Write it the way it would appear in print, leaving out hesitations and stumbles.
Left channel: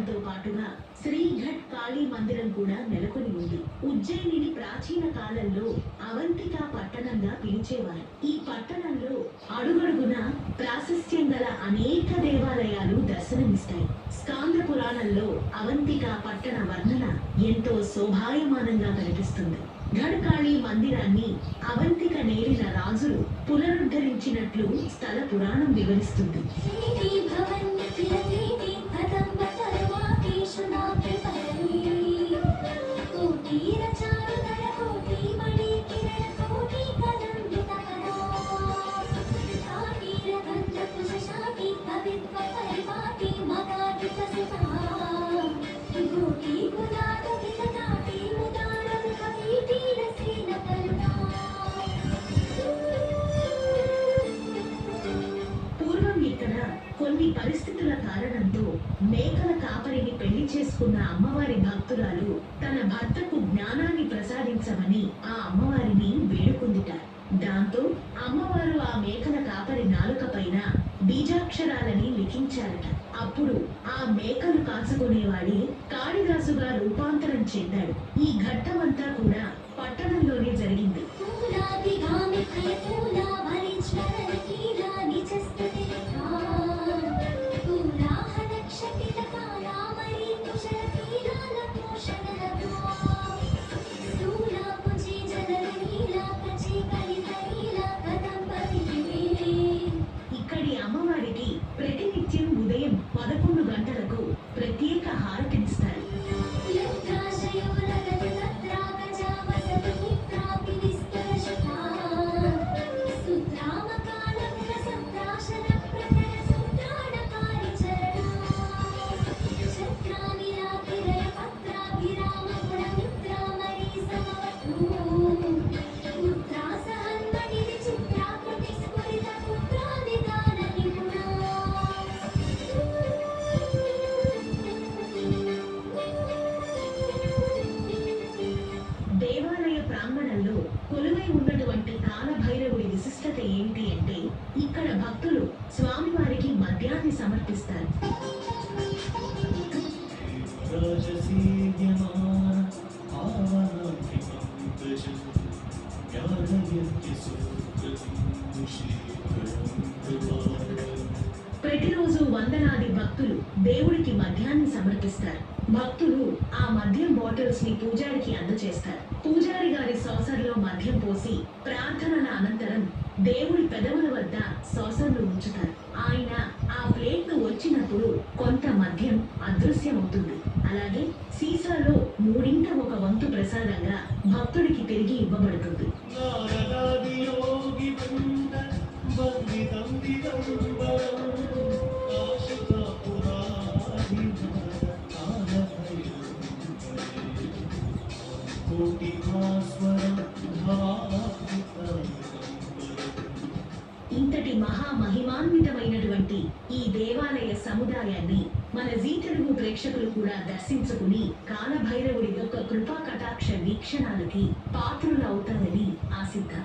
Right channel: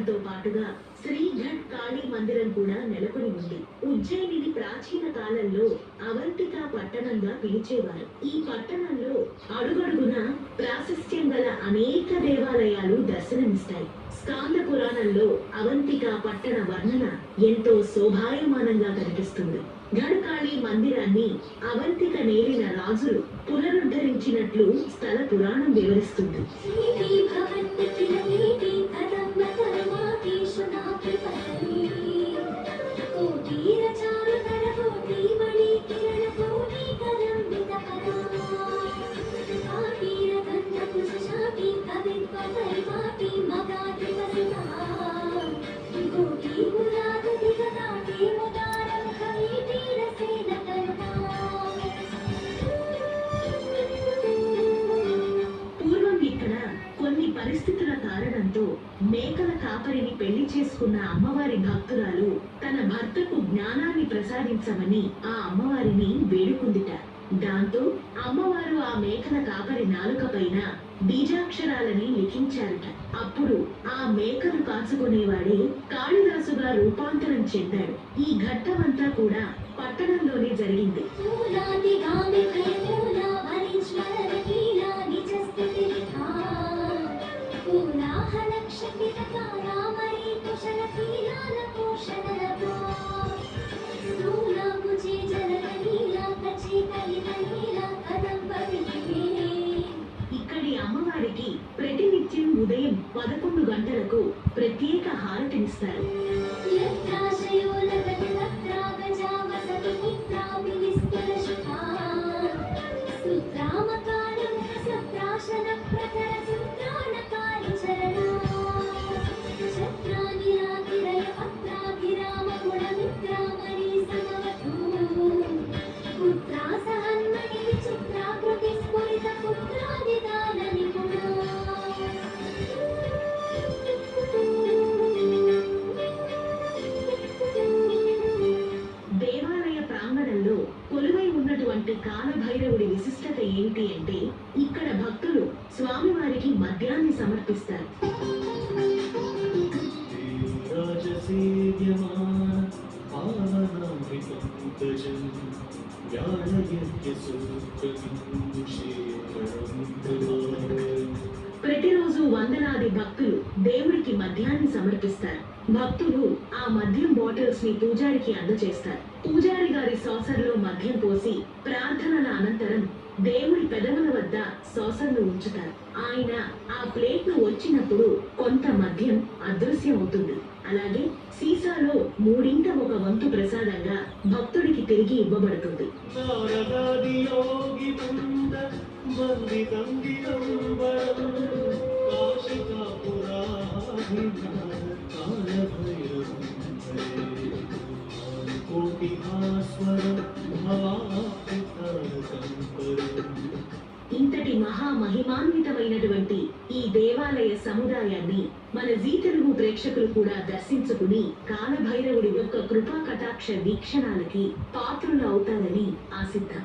మందిరంతో పాటుగా శ్రీఘట్ కాళీ మందిరం కూడా నెలకొని ఉంది. ఉజ్జయినిని ప్రాచీన కాలంలో అవంతిక పట్టణంగా పిలిచేవారు. ఈ పట్టణంలో అడుగడుగున ప్రాశస్త్యం గల అనేక దేవాలయాలు దర్శనమిస్తాయి. స్కాంద పురాణంలో అవంతిక పట్టణ వర్ణన ఎంతో శోభాయమానంగా కనిపిస్తుంది. గఢకాళి మందిరాన్ని అవంతిక నేలిన రాజులు పునరుద్ధరించినట్లు స్థల పురాణం వివరిస్తుంది. పరిస్థితుల కారణంతో మేకల కాపరిని పెళ్లి చేసుకున్న అమ్మవారి భక్తురాలు తన భర్తకు జ్ఞానాన్ని ప్రసాదించమని ఆ అమ్మవారిని వేడుకుందిట. దాంతో అమ్మవారు ఆ మేకల కాపరి నాలుక పైన బీజాక్షరాలని లిఖించారట. అప్పుడు ఆ మేకలు కాచుకునేవాడే కాళిదాసుగా రూపాంతరం చెందాడు. ఈ ఘట్టమంతా కూడా పట్టణంలోనే జరిగింది. ఇక్కడి అమ్మవారికి ప్రతినిత్యం ఉదయం 11 గంటలకు ప్రత్యేక హారతినిస్తారు. కొలువై ఉన్నటువంటి కాలభైరవుడి విశిష్టత ఏంటి అంటే ఇక్కడ భక్తులు స్వామివారికి మద్యాన్ని సమర్పిస్తారు. ప్రతిరోజు వందలాది భక్తులు దేవుడికి మద్యాన్ని సమర్పిస్తారు. భక్తులు ఆ మద్యం బాటిల్స్ ని పూజారికి అందజేస్తారు. పూజారి గారి saucerలో మద్యం పోసి ప్రార్థనల అనంతరం దేవుడి పెదవుల వద్ద saucerను ఉంచుతారు. ఆయన ఆ ప్లేట్ ను వచ్చినప్పుడు కొంత మద్యం అదృశ్యమవుతుంది. అలాగే సీసాలో 1/3 వంతు ప్రసాదంగా భక్తుడికి తిరిగి ఇవ్వబడుతుంది. ఇంతటి మహామహిమాన్వితమైనటువంటి ఈ దేవాలయ సముదాయాన్ని మన జీ తెలుగు ప్రేక్షకులు కూడా దర్శించుకుని కాలభైరవుడి యొక్క కృపా కటాక్ష వీక్షణాలకి పాత్రులు అవుతారని ఆశిద్దాం.